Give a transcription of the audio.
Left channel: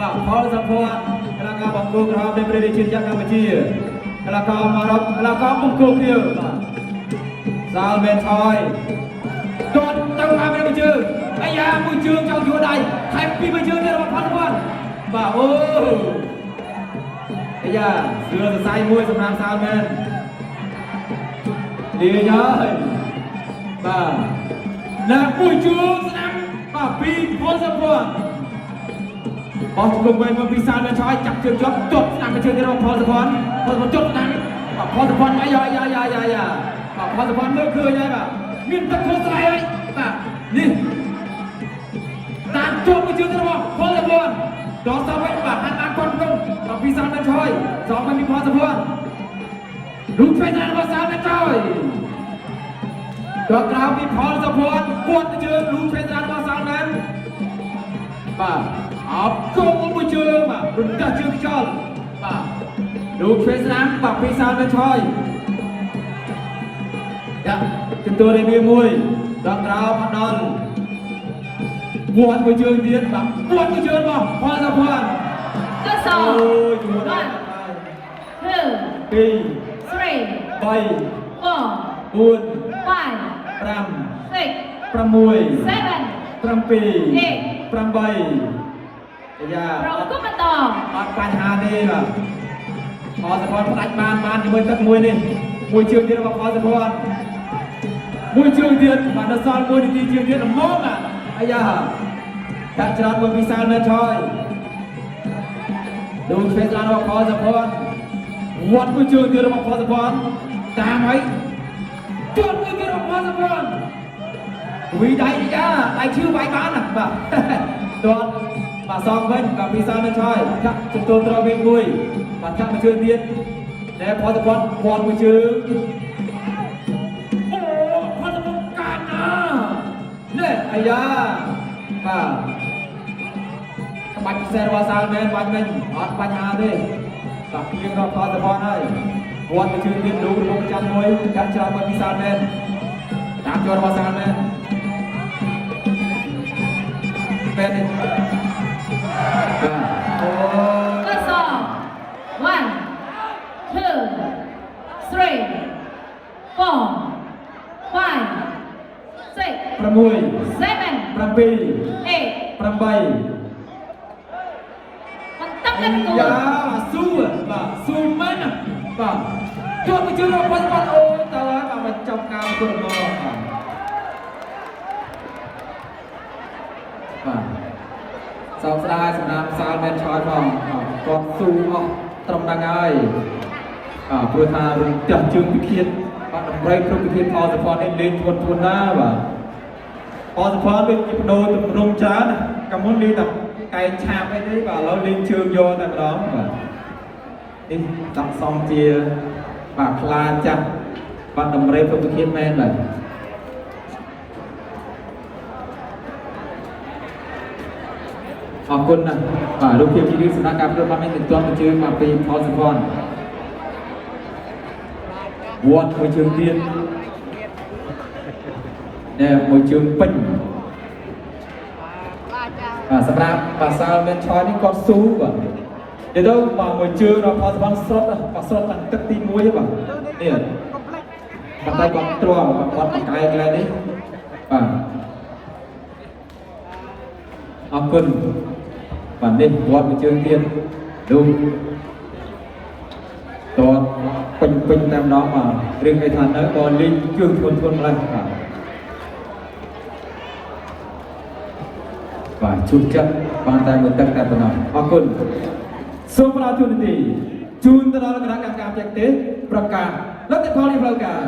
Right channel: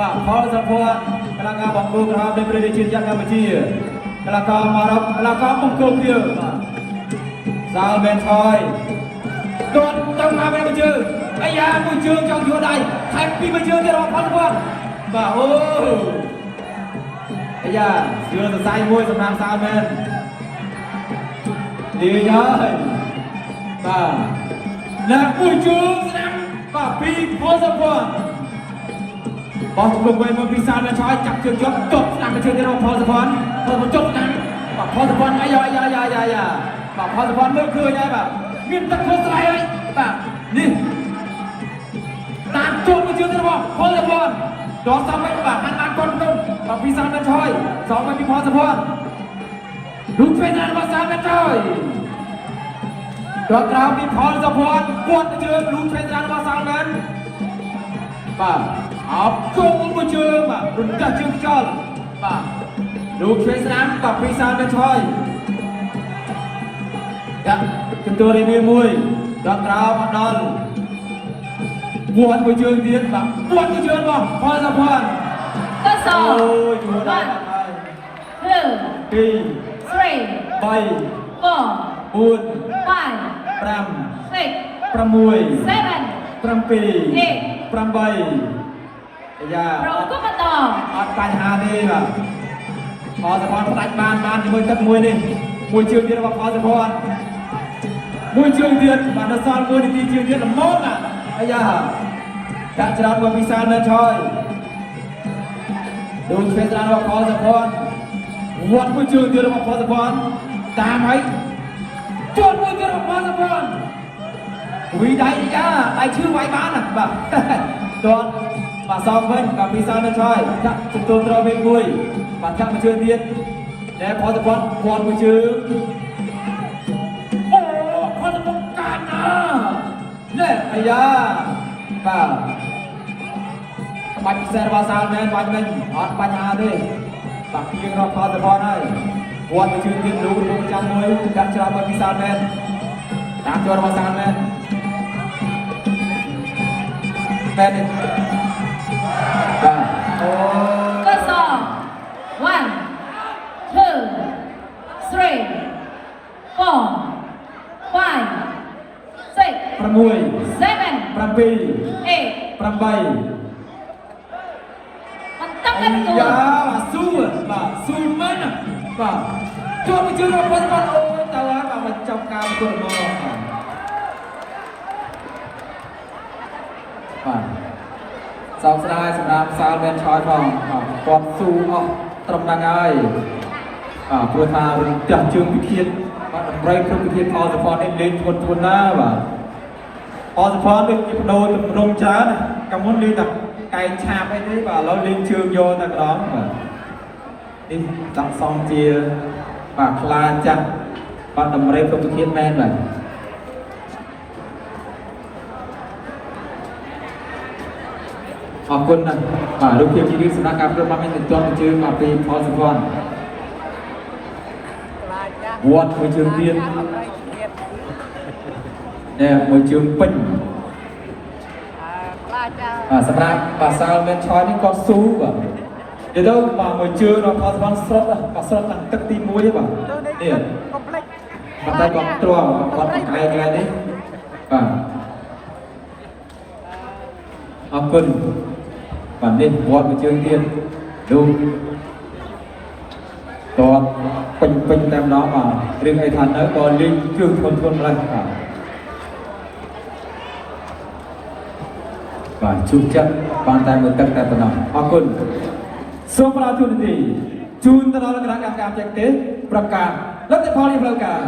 បាទផលសពតកលាការបង្រួបរំនៃព្រះរាជាកម្ពុជាកលាការមករកកលាការបង្គោលkiaសាលមែនថយគាត់ចង់មកមួយជើងអាយ៉ាមួយជើងចង់យួរដៃថែមពីមួយជើងទៀតរបស់ផលសពតបាទអូអាយ៉ាស្រឿសរសៃមួយសម្រាប់សាលមែនดีហើយបាទអ្នកមួយជើងស្ដាំបាទពីផលសពតបោះជុំវិញមកពីសាលមែនថយចាប់ជើងយកទប់ស្ដាំមួយជើងទៀតរបស់ផលសពតផលមកចុកស្ដាំបាទផលសពតមកយ៉ាបាទផលសពតមួយគឺហើយបាទមានទឹកធ្វើស្លាយហើយបាទនេះតាមជួបមួយជើងរបស់ផលសពតដកសំវិញបាទហាត់បានទន់ក្នុងបាទពីសាលមែនថយសងវិញពីផលសពតរូបពេលนั้นរបស់សាលមែនថយដកក្រៅពីផលសពតគាត់មួយជើងរូបពេលนั้นរបស់សាលមែនបាទអបគុំមួយជើងបាទរំដាស់ជើងខ្យល់បាទរូបពេលนั้นបាទពីសាលមែនថយយ៉ាជំទាស់រៀបមួយដកក្រៅមកដល់គាត់មួយជើងទៀតបាទគាត់មួយជើងរបស់ផលសពតก็สองអូយជួរដល់2 3 4 5 6 7 8យ៉ាเราก็มาต่อអត់បញ្ហាទេបាទផលសពតផ្ដាច់បានជាមួយទឹកមួយនេះមួយជើងទៀតរបស់ផលសពតមួយជើងទៀតបាទនៅសល់1នាទីជើងទៀតល្មមបាទអាយ៉ាដាក់ច្រត់មកពីសាលមែនថយดูเช็คแล้วพอสปอร์ตวัดมือเจอเดือดพอสปอร์ตตามไหมจนมือเดือดพอสปอร์ตวีได้จ้าไอชื่อไว้บ้านน่ะบ่โดนบ่ซ้อมเว้นกับปีศาจนั่นใช่ครับจุดตัวเราเป็นมวยบ่ครับมือเจอเดือดแต่พอสปอร์ตวัดมือเจอโอ้พอสปอร์ตกันเนี่ยไอ้ยาบ่បាច់ខ្សែរបស់សាលមែនបាច់មិនអត់បញ្ហាទេបាក់ពីរបស់ផលសពតហើយគាត់ទៅជឿទៀតលូចាំមួយកាត់ច្រត់របស់ពីសាលមែនតាមច្រត់របស់សាលមែនបែបនេះก็สอง 1 2 3 4 5 6 7 8 យ៉ាស៊ូបាទស៊ូមែនបាទជួបជួយរបស់គាត់អូទៅបាទមកចប់ការគោលមកបាទសោកស្ដាយសម្រាប់សាលមែនថយផងគាត់ស៊ូអស់ត្រឹមហ្នឹងហើយព្រោះថាផ្ទះជើងវិធានបាទតម្រៃគ្រប់វិធានផលសពតនេះលេងធ្ងន់ណាស់បាទផលសពតដូចជាបដូរទំរំច្រើនកាលមុនលេងតែឯងឆាបអីទេបាទឥឡូវលេងជើងយកតែម្ដងបាទនេះចង់សំជាបាទខ្លាចាស់បាទតម្រេប្រតិភិបមែនបាទអរគុណណាស់បាទរូបភាពជាសំណាក់ការប្រត់នេះទៅទាន់ជើងមកពីផលសពតវត្តមួយជើងទៀតតែមួយជើងពេញបាទសម្រាប់បាសាលមែនឆយនេះគាត់ស៊ូបាទទៅទៅបាទមួយជើងរបស់ផលសពតស្រុតបាទស្រុតខាងទឹកទី1ទេបាទនេះបាទតែគាត់ទ្រាំគាត់ពីថ្ងៃនេះបាទអរគុណបាទនេះវត្តមួយជើងទៀតดูតបពេញតាមនោះបាទរឿងអីថាទៅក៏លេងជើងធ្ងន់ម្ល៉េះបាទជួបចិត្តបានតែមួយទឹកតែប៉ុណ្ណោះអរគុណសូមប្រាទូនីជូនទៅដល់គណៈកម្មការចែកទេសប្រកាសលទ្ធផលនៃផ្លូវការ